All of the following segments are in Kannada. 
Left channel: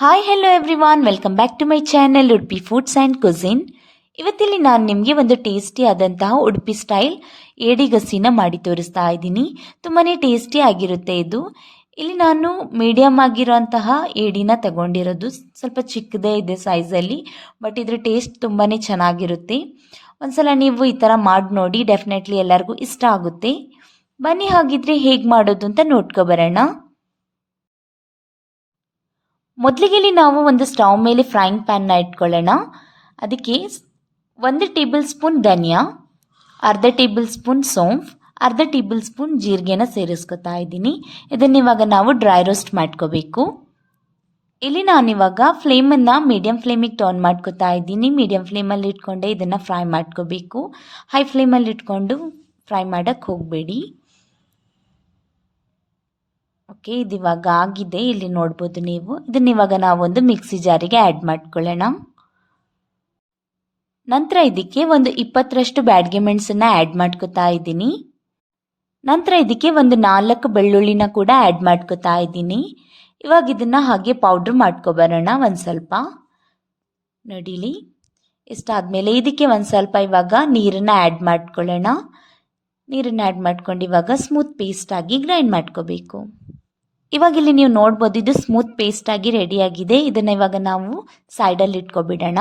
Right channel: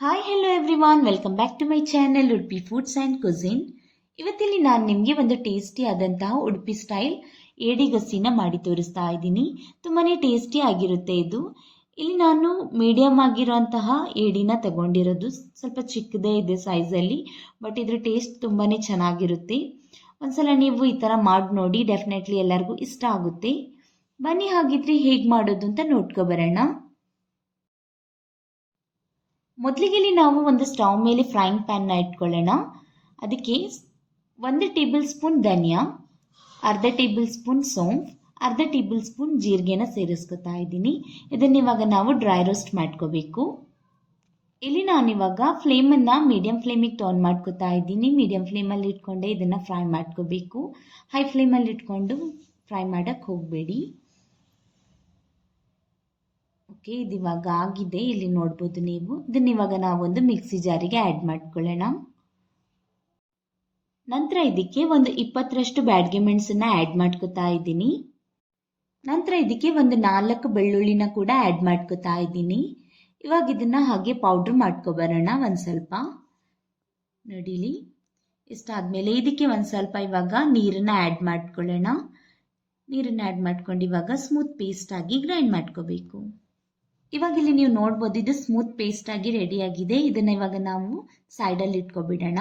Hi hello everyone, welcome back to my channel Udupi foods and cuisine. ಇವತ್ತಿಲ್ಲಿ ನಾನು ನಿಮಗೆ ಒಂದು ಟೇಸ್ಟಿ ಆದಂತಹ ಉಡುಪಿ ಸ್ಟೈಲ್ ಏಡಿಗಸಿನ ಮಾಡಿ ತೋರಿಸ್ತಾ ಇದ್ದೀನಿ. ತುಂಬಾ ಟೇಸ್ಟಿ ಆಗಿರುತ್ತೆ ಇದು. ಇಲ್ಲಿ ನಾನು ಮೀಡಿಯಮ್ ಆಗಿರೋಂತಹ ಏಡಿನ ತಗೊಂಡಿರೋದು, ಸ್ವಲ್ಪ ಚಿಕ್ಕದೇ ಇದೆ ಸೈಜಲ್ಲಿ, ಬಟ್ ಇದ್ರ ಟೇಸ್ಟ್ ತುಂಬಾ ಚೆನ್ನಾಗಿರುತ್ತೆ. ಒಂದ್ಸಲ ನೀವು ಈ ಥರ ಮಾಡಿ ನೋಡಿ, ಡೆಫಿನೆಟ್ಲಿ ಎಲ್ಲರಿಗೂ ಇಷ್ಟ ಆಗುತ್ತೆ. ಬನ್ನಿ ಹಾಗಿದ್ರೆ ಹೇಗೆ ಮಾಡೋದು ಅಂತ ನೋಡ್ಕೊಬರೋಣ. ಮೊದಲಿಗೆ ನಾವು ಒಂದು ಸ್ಟವ್ ಮೇಲೆ ಫ್ರೈಯಿಂಗ್ ಪ್ಯಾನ್ನ ಇಟ್ಕೊಳ್ಳೋಣ. ಅದಕ್ಕೆ 1 ಟೇಬಲ್ ಸ್ಪೂನ್ ಧನಿಯಾ, ಅರ್ಧ ಟೇಬಲ್ ಸ್ಪೂನ್ ಸೋಂಫ್, ಅರ್ಧ ಟೇಬಲ್ ಸ್ಪೂನ್ ಜೀರಿಗೆನ ಸೇರಿಸ್ಕೊತಾ ಇದ್ದೀನಿ. ಇದನ್ನ ಇವಾಗ ನಾವು ಡ್ರೈ ರೋಸ್ಟ್ ಮಾಡ್ಕೋಬೇಕು. ಇಲ್ಲಿ ನಾನಿವಾಗ ಫ್ಲೇಮನ್ನು ಮೀಡಿಯಂ ಫ್ಲೇಮಿಗೆ ಟರ್ನ್ ಮಾಡ್ಕೋತಾ ಇದ್ದೀನಿ. ಮೀಡಿಯಂ ಫ್ಲೇಮಲ್ಲಿ ಇಟ್ಕೊಂಡೆ ಇದನ್ನು ಫ್ರೈ ಮಾಡ್ಕೋಬೇಕು. ಹೈ ಫ್ಲೇಮಲ್ಲಿ ಇಟ್ಕೊಂಡು ಫ್ರೈ ಮಾಡೋಕ್ಕೆ ಹೋಗಬೇಡಿ. ಓಕೆ, ಇದು ಇವಾಗ ಆಗಿದೆ, ಇಲ್ಲಿ ನೋಡ್ಬೋದು ನೀವು. ಇದನ್ನ ಇವಾಗ ನಾವೊಂದು ಮಿಕ್ಸಿ ಜಾರಿಗೆ ಆ್ಯಡ್ ಮಾಡ್ಕೊಳ್ಳೋಣ. ನಂತರ ಇದಕ್ಕೆ ಒಂದು 20ರಷ್ಟು ಬ್ಯಾಡಗೆ ಮೆಣಸನ್ನು ಆ್ಯಡ್ ಮಾಡ್ಕೋತಾ ಇದ್ದೀನಿ. ನಂತರ ಇದಕ್ಕೆ ಒಂದು 4 ಬೆಳ್ಳುಳ್ಳಿನ ಕೂಡ ಆ್ಯಡ್ ಮಾಡ್ಕೋತಾ ಇದ್ದೀನಿ. ಇವಾಗ ಇದನ್ನು ಹಾಗೆ ಪೌಡ್ರ್ ಮಾಡ್ಕೊಬರೋಣ ಒಂದು ಸ್ವಲ್ಪ. ನೋಡಿಲಿ, ಇಷ್ಟಾದಮೇಲೆ ಇದಕ್ಕೆ ಒಂದು ಸ್ವಲ್ಪ ಇವಾಗ ನೀರನ್ನು ಆ್ಯಡ್ ಮಾಡ್ಕೊಳ್ಳೋಣ. ನೀರನ್ನು ಆ್ಯಡ್ ಮಾಡ್ಕೊಂಡು ಇವಾಗ ಸ್ಮೂತ್ ಪೇಸ್ಟಾಗಿ ಗ್ರೈಂಡ್ ಮಾಡ್ಕೋಬೇಕು. ಇವಾಗ ಇಲ್ಲಿ ನೀವು ನೋಡ್ಬೋದು, ಇದು ಸ್ಮೂತ್ ಪೇಸ್ಟ್ ಆಗಿ ರೆಡಿಯಾಗಿದೆ. ಇದನ್ನು ಇವಾಗ ನಾವು ಸೈಡಲ್ಲಿ ಇಟ್ಕೊಬಿಡೋಣ.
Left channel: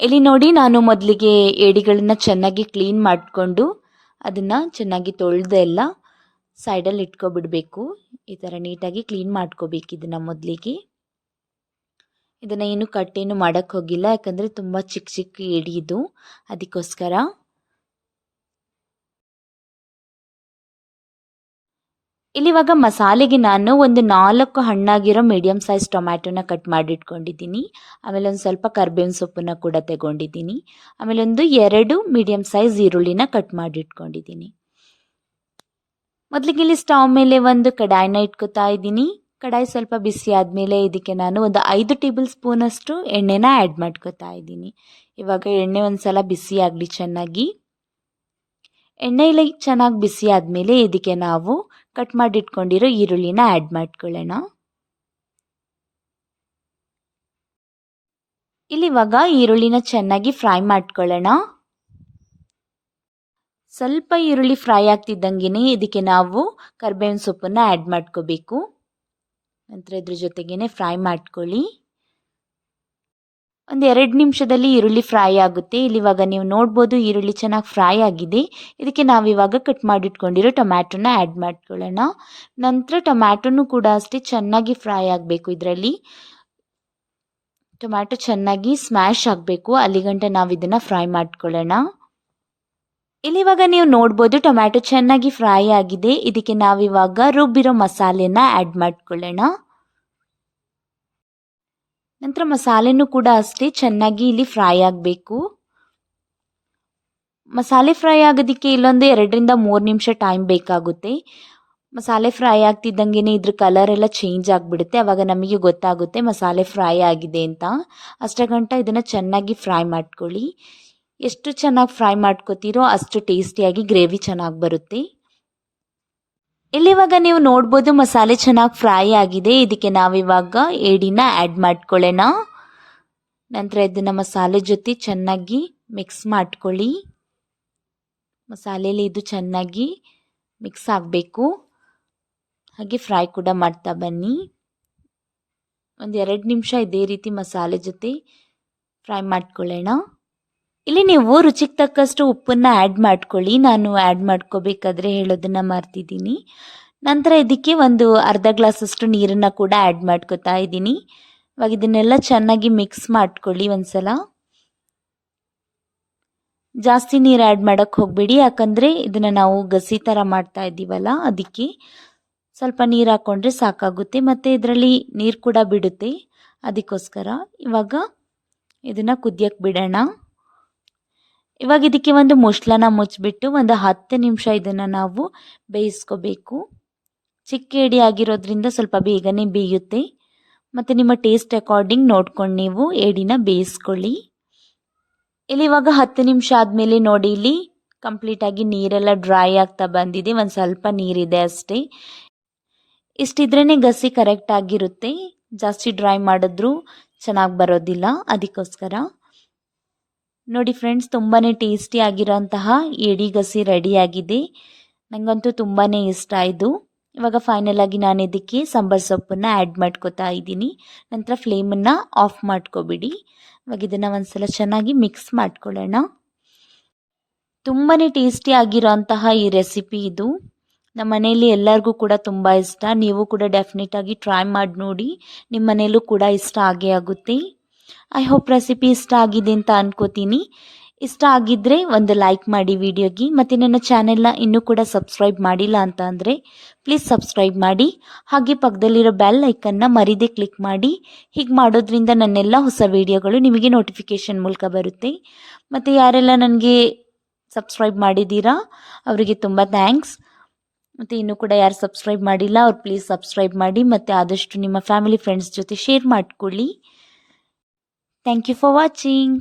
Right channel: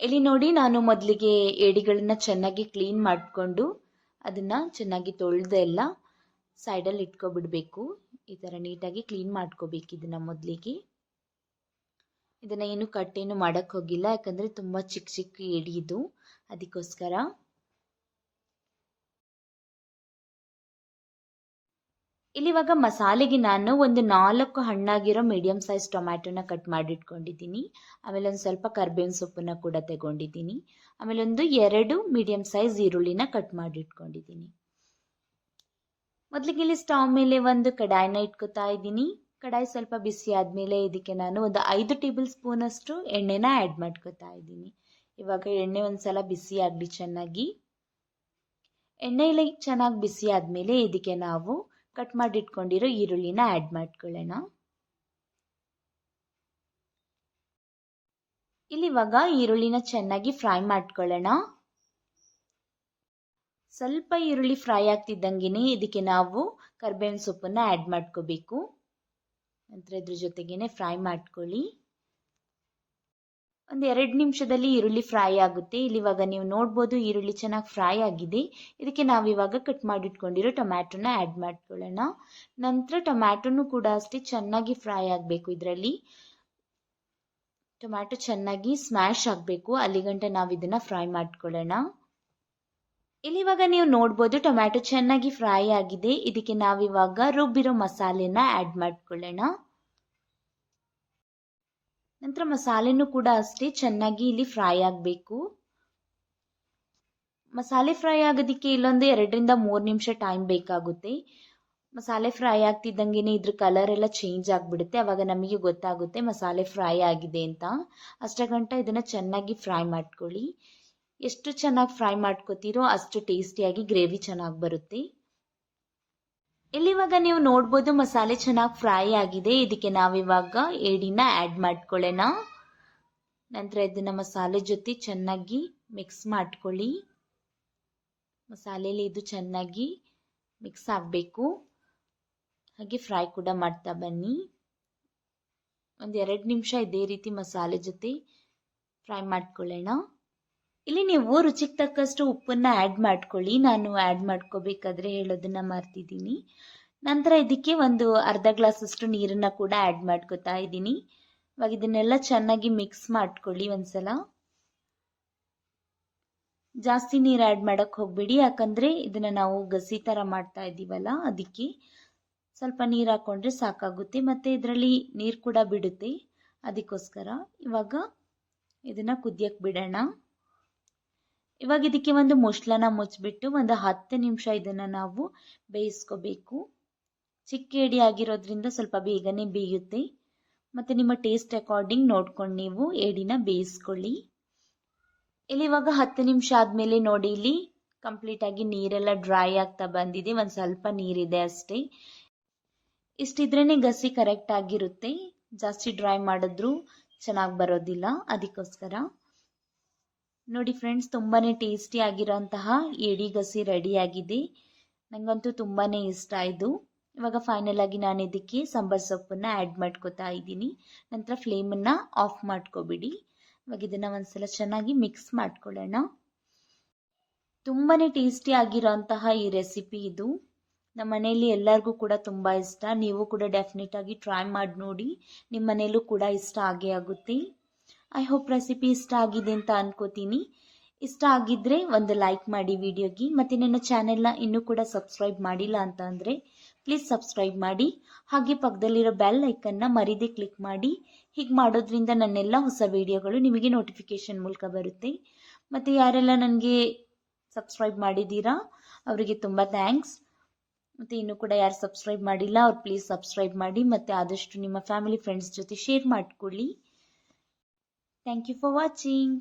ಇಲ್ಲಿ ನೋಡಿ, ನಾನು ಮೊದಲಿಗೆ ಏಡಿಗಳನ್ನ ಚೆನ್ನಾಗಿ ಕ್ಲೀನ್ ಮಾಡಿಕೊಂಡು ಅದನ್ನು ಚೆನ್ನಾಗಿ ತೊಳೆದು ಎಲ್ಲ ಸೈಡಲ್ಲಿ ಇಟ್ಕೊಬಿಡಬೇಕು. ಈ ಥರ ನೀಟಾಗಿ ಕ್ಲೀನ್ ಮಾಡ್ಕೋಬೇಕು ಇದನ್ನು ಮೊದಲಿಗೆ. ಇದನ್ನು ಏನು ಕಟ್ಟೇನು ಮಾಡೋಕ್ಕೆ ಹೋಗಿಲ್ಲ, ಯಾಕಂದರೆ ತುಂಬ ಚಿಕ್ಕ ಚಿಕ್ಕ ಏಡಿ ಇದು, ಅದಕ್ಕೋಸ್ಕರ. ಇಲ್ಲಿ ಇವಾಗ ಮಸಾಲೆಗೆ ನಾನು ಒಂದು 4 ಹಣ್ಣಾಗಿರೋ ಮೀಡಿಯಮ್ ಸೈಜ್ ಟೊಮ್ಯಾಟೊನ ಕಟ್ ಮಾಡಿಟ್ಕೊಂಡಿದ್ದೀನಿ. ಆಮೇಲೆ ಒಂದು ಸ್ವಲ್ಪ ಕರ್ಬೇವಿನ ಸೊಪ್ಪನ್ನು ಕೂಡ ತಗೊಂಡಿದ್ದೀನಿ. ಆಮೇಲೆ ಒಂದು 2 ಮೀಡಿಯಮ್ ಸೈಜ್ ಈರುಳ್ಳಿನ ಕಟ್ ಮಾಡಿಟ್ಕೊಂಡಿದ್ದೀನಿ. ಮೊದಲಿಗೆ ಇಲ್ಲಿ ಸ್ಟವ್ ಮೇಲೆ ಒಂದು ಕಡಾಯಿನ ಇಟ್ಕೋತಾ ಇದ್ದೀನಿ. ಕಡಾಯಿ ಸ್ವಲ್ಪ ಬಿಸಿ ಆದಮೇಲೆ ಇದಕ್ಕೆ ನಾನು ಒಂದು 5 ಟೇಬಲ್ ಸ್ಪೂನಷ್ಟು ಎಣ್ಣೆನ ಆ್ಯಡ್ ಮಾಡ್ಕೋತಾ ಇದ್ದೀನಿ. ಇವಾಗ ಎಣ್ಣೆ ಒಂದು ಸಲ ಬಿಸಿ ಆಗಲಿ ಚೆನ್ನಾಗಿ. ಎಣ್ಣೆ ಇಲ್ಲ ಚೆನ್ನಾಗಿ ಬಿಸಿ ಆದಮೇಲೆ ಇದಕ್ಕೆ ನಾವು ಕಟ್ ಮಾಡಿಟ್ಕೊಂಡಿರೋ ಈರುಳ್ಳಿನ ಆ್ಯಡ್ ಮಾಡ್ಕೊಳ್ಳೋಣ. ಇಲ್ಲಿ ಇವಾಗ ಈರುಳ್ಳಿನ ಚೆನ್ನಾಗಿ ಫ್ರೈ ಮಾಡ್ಕೊಳ್ಳೋಣ. ಸ್ವಲ್ಪ ಈರುಳ್ಳಿ ಫ್ರೈ ಆಗ್ತಿದ್ದಂಗೆ ಇದಕ್ಕೆ ನಾವು ಕರ್ಬೇವಿನ ಸೊಪ್ಪನ್ನು ಆ್ಯಡ್ ಮಾಡ್ಕೋಬೇಕು. ನಂತರ ಇದ್ರ ಜೊತೆಗೇನೆ ಫ್ರೈ ಮಾಡ್ಕೊಳ್ಳಿ. ಒಂದು 2 ನಿಮಿಷದಲ್ಲಿ ಈರುಳ್ಳಿ ಫ್ರೈ ಆಗುತ್ತೆ. ಇಲ್ಲಿ ಇವಾಗ ನೀವು ನೋಡ್ಬೋದು, ಈರುಳ್ಳಿ ಚೆನ್ನಾಗಿ ಫ್ರೈ ಆಗಿದೆ. ಇದಕ್ಕೆ ನಾವಿವಾಗ ಕಟ್ ಮಾಡಿಟ್ಕೊಂಡಿರೋ ಟೊಮ್ಯಾಟೊನ ಆ್ಯಡ್ ಮಾಡ್ಕೊಳ್ಳೋಣ. ನಂತರ ಟೊಮ್ಯಾಟೊನೂ ಕೂಡ ಅಷ್ಟೇ ಚೆನ್ನಾಗಿ ಫ್ರೈ ಆಗಬೇಕು. ಇದರಲ್ಲಿ ಟೊಮ್ಯಾಟೊ ಚೆನ್ನಾಗಿ ಸ್ಮ್ಯಾಶ್ ಆಗಬೇಕು, ಅಲ್ಲಿಗಂಟ ನಾವು ಇದನ್ನು ಫ್ರೈ ಮಾಡ್ಕೊಳ್ಳೋಣ. ಇಲ್ಲಿ ಇವಾಗ ನೀವು ನೋಡ್ಬೋದು, ಟೊಮ್ಯಾಟೊ ಚೆನ್ನಾಗಿ ಫ್ರೈ ಆಗಿದೆ. ಇದಕ್ಕೆ ನಾವಿವಾಗ ರುಬ್ಬಿರೋ ಮಸಾಲೆನ ಆ್ಯಡ್ ಮಾಡ್ಕೊಳ್ಳೋಣ. ನಂತರ ಮಸಾಲೆನೂ ಕೂಡ ಅಷ್ಟೇ ಚೆನ್ನಾಗಿ ಇಲ್ಲಿ ಫ್ರೈ ಆಗಬೇಕು. ಮಸಾಲೆ ಫ್ರೈ ಆಗೋದಕ್ಕೆ ಇಲ್ಲೊಂದು 2ರಿಂದ 3 ನಿಮಿಷ ಟೈಮ್ ಬೇಕಾಗುತ್ತೆ. ಮಸಾಲೆ ಫ್ರೈ ಆಗ್ತಿದ್ದಂಗೆ ಇದ್ರ ಕಲರ್ ಎಲ್ಲ ಚೇಂಜ್ ಆಗಿಬಿಡುತ್ತೆ. ಆವಾಗ ನಮಗೆ ಗೊತ್ತಾಗುತ್ತೆ ಮಸಾಲೆ ಫ್ರೈ ಆಗಿದೆ ಅಂತ. ಅಷ್ಟಗಂಟ ಇದನ್ನು ಚೆನ್ನಾಗಿ ಫ್ರೈ ಮಾಡ್ಕೊಳ್ಳಿ. ಎಷ್ಟು ಚೆನ್ನಾಗಿ ಫ್ರೈ ಮಾಡ್ಕೋತೀರೋ ಅಷ್ಟು ಟೇಸ್ಟಿಯಾಗಿ ಗ್ರೇವಿ ಚೆನ್ನಾಗಿ ಬರುತ್ತೆ. ಇಲ್ಲಿವಾಗ ನೀವು ನೋಡ್ಬೋದು, ಮಸಾಲೆ ಚೆನ್ನಾಗಿ ಫ್ರೈ ಆಗಿದೆ. ಇದಕ್ಕೆ ನಾವಿವಾಗ ಏಡಿನ ಆ್ಯಡ್ ಮಾಡ್ಕೊಳ್ಳೋಣ. ನಂತರ ಇದನ್ನು ಮಸಾಲೆ ಜೊತೆ ಚೆನ್ನಾಗಿ ಮಿಕ್ಸ್ ಮಾಡ್ಕೊಳ್ಳಿ. ಮಸಾಲೆಯಲ್ಲಿ ಇದು ಚೆನ್ನಾಗಿ ಮಿಕ್ಸ್ ಆಗಬೇಕು. ಹಾಗೆ ಫ್ರೈ ಕೂಡ ಮಾಡ್ತಾ ಬನ್ನಿ. ಒಂದು 2 ನಿಮಿಷ ಇದೇ ರೀತಿ ಮಸಾಲೆ ಜೊತೆ ಫ್ರೈ ಮಾಡ್ಕೊಳ್ಳೋಣ. ಇಲ್ಲಿ ನೀವು ರುಚಿಗೆ ತಕ್ಕಷ್ಟು ಉಪ್ಪನ್ನು ಆ್ಯಡ್ ಮಾಡ್ಕೊಳ್ಳಿ. ನಾನು ಆ್ಯಡ್ ಮಾಡ್ಕೋಬೇಕಾದ್ರೆ ಹೇಳೋದನ್ನು ಮರ್ತಿದ್ದೀನಿ. ನಂತರ ಇದಕ್ಕೆ ಒಂದು ಅರ್ಧ ಗ್ಲಾಸಷ್ಟು ನೀರನ್ನು ಕೂಡ ಆ್ಯಡ್ ಮಾಡ್ಕೋತಾ ಇದ್ದೀನಿ. ಇವಾಗ ಇದನ್ನೆಲ್ಲ ಚೆನ್ನಾಗಿ ಮಿಕ್ಸ್ ಮಾಡ್ಕೊಳ್ಳಿ ಒಂದ್ಸಲ. ಜಾಸ್ತಿ ನೀರು ಆ್ಯಡ್ ಮಾಡೋಕ್ಕೆ ಹೋಗಬೇಡಿ, ಯಾಕಂದರೆ ಇದನ್ನು ನಾವು ಗಸಿ ಥರ ಮಾಡ್ತಾ ಇದ್ದೀವಲ್ಲ, ಅದಕ್ಕೆ ಸ್ವಲ್ಪ ನೀರು ಹಾಕ್ಕೊಂಡ್ರೆ ಸಾಕಾಗುತ್ತೆ. ಮತ್ತು ಇದರಲ್ಲಿ ನೀರು ಕೂಡ ಬಿಡುತ್ತೆ, ಅದಕ್ಕೋಸ್ಕರ. ಇವಾಗ ಇದನ್ನು ಕುದಿಯೋಕ್ಕೆ ಬಿಡೋಣ. ಇವಾಗ ಇದಕ್ಕೆ ಒಂದು ಮುಚ್ಚಳನ ಮುಚ್ಚಿಬಿಟ್ಟು ಒಂದು 10 ನಿಮಿಷ ಇದನ್ನು ನಾವು ಬೇಯಿಸ್ಕೋಬೇಕು. ಚಿಕ್ಕ ಏಡಿ ಆಗಿರೋದ್ರಿಂದ ಸ್ವಲ್ಪ ಬೇಗನೆ ಬೇಯುತ್ತೆ. ಮತ್ತು ನಿಮ್ಮ ಟೇಸ್ಟ್ ಅಕಾರ್ಡಿಂಗ್ ನೋಡ್ಕೊಂಡು ನೀವು ಏಡಿನ ಬೇಯಿಸ್ಕೊಳ್ಳಿ. ಇಲ್ಲಿ ಇವಾಗ 10 ನಿಮಿಷ ಆದಮೇಲೆ ನೋಡಿ, ಇಲ್ಲಿ ಕಂಪ್ಲೀಟಾಗಿ ನೀರೆಲ್ಲ ಡ್ರೈ ಆಗ್ತಾ ಬಂದಿದೆ. ಒಂದು ಸ್ವಲ್ಪ ನೀರಿದೆ ಅಷ್ಟೇ. ಇಷ್ಟಿದ್ರೇ ಗಸಿ ಕರೆಕ್ಟ್ ಆಗಿರುತ್ತೆ. ಜಾಸ್ತಿ ಡ್ರೈ ಮಾಡಿದ್ರೂ ಚೆನ್ನಾಗಿ ಬರೋದಿಲ್ಲ, ಅದಕ್ಕೋಸ್ಕರ. ನೋಡಿ ಫ್ರೆಂಡ್ಸ್, ತುಂಬಾ ಟೇಸ್ಟಿ ಆಗಿರೋಂತಹ ಏಡಿ ಗಸಿ ರೆಡಿಯಾಗಿದೆ. ನನಗಂತೂ ತುಂಬಾ ಇಷ್ಟ ಇದು. ಇವಾಗ ಫೈನಲ್ ಆಗಿ ನಾನು ಇದಕ್ಕೆ ಸಾಂಬಾರು ಸೊಪ್ಪನ್ನು ಆ್ಯಡ್ ಮಾಡ್ಕೋತಾ ಇದ್ದೀನಿ. ನಂತರ ಫ್ಲೇಮನ್ನು ಆಫ್ ಮಾಡ್ಕೊಬಿಡಿ. ಇವಾಗ ಇದನ್ನು ಒಂದ್ಸಲ ಚೆನ್ನಾಗಿ ಮಿಕ್ಸ್ ಮಾಡ್ಕೊಳ್ಳೋಣ. ತುಂಬಾ ಟೇಸ್ಟಿ ಆಗಿರೋಂತಹ ಈ ರೆಸಿಪಿ ಇದು. ನಮ್ಮ ಮನೆಯಲ್ಲಿ ಎಲ್ಲರಿಗೂ ಕೂಡ ತುಂಬ ಇಷ್ಟ. ನೀವು ಕೂಡ ಡೆಫಿನೆಟಾಗಿ ಟ್ರೈ ಮಾಡಿ ನೋಡಿ. ನಿಮ್ಮ ಮನೆಯಲ್ಲೂ ಕೂಡ ಇಷ್ಟ ಆಗೇ ಆಗುತ್ತೆ. ಐ ಹೋಪ್ ರೆಸಿಪಿ ಇಷ್ಟ ಆಗಿದೆ ಅಂತ ಅನ್ಕೋತೀನಿ. ಇಷ್ಟ ಆಗಿದ್ದರೆ ಒಂದು ಲೈಕ್ ಮಾಡಿ ವಿಡಿಯೋಗೆ. ಮತ್ತು ನನ್ನ ಚಾನೆಲ್ನ ಇನ್ನೂ ಕೂಡ ಸಬ್ಸ್ಕ್ರೈಬ್ ಮಾಡಿಲ್ಲ ಅಂತ ಅಂದರೆ ಪ್ಲೀಸ್ ಸಬ್ಸ್ಕ್ರೈಬ್ ಮಾಡಿ. ಹಾಗೆ ಪಕ್ಕದಲ್ಲಿರೋ ಬೆಲ್ ಐಕನ್ನ ಮರೀದೆ ಕ್ಲಿಕ್ ಮಾಡಿ. ಹೀಗೆ ಮಾಡೋದ್ರಿಂದ ನನ್ನೆಲ್ಲ ಹೊಸ ವಿಡಿಯೋಗಳು ನಿಮಗೆ ನೋಟಿಫಿಕೇಷನ್ ಮೂಲಕ ಬರುತ್ತೆ. ಮತ್ತು ಯಾರೆಲ್ಲ ನನಗೆ ಸಬ್ಸ್ಕ್ರೈಬ್ ಮಾಡಿದ್ದೀರಾ ಅವರಿಗೆ ತುಂಬ ಥ್ಯಾಂಕ್ಸ್. ಮತ್ತು ಇನ್ನೂ ಕೂಡ ಯಾರು ಸಬ್ಸ್ಕ್ರೈಬ್ ಮಾಡಿಲ್ಲ ಅವ್ರು ಪ್ಲೀಸ್ ಸಬ್ಸ್ಕ್ರೈಬ್ ಮಾಡಿ. ಮತ್ತು ಆದಷ್ಟು ನಿಮ್ಮ ಫ್ಯಾಮಿಲಿ ಫ್ರೆಂಡ್ಸ್ ಜೊತೆ ಶೇರ್ ಮಾಡಿಕೊಳ್ಳಿ. Thank you for watching.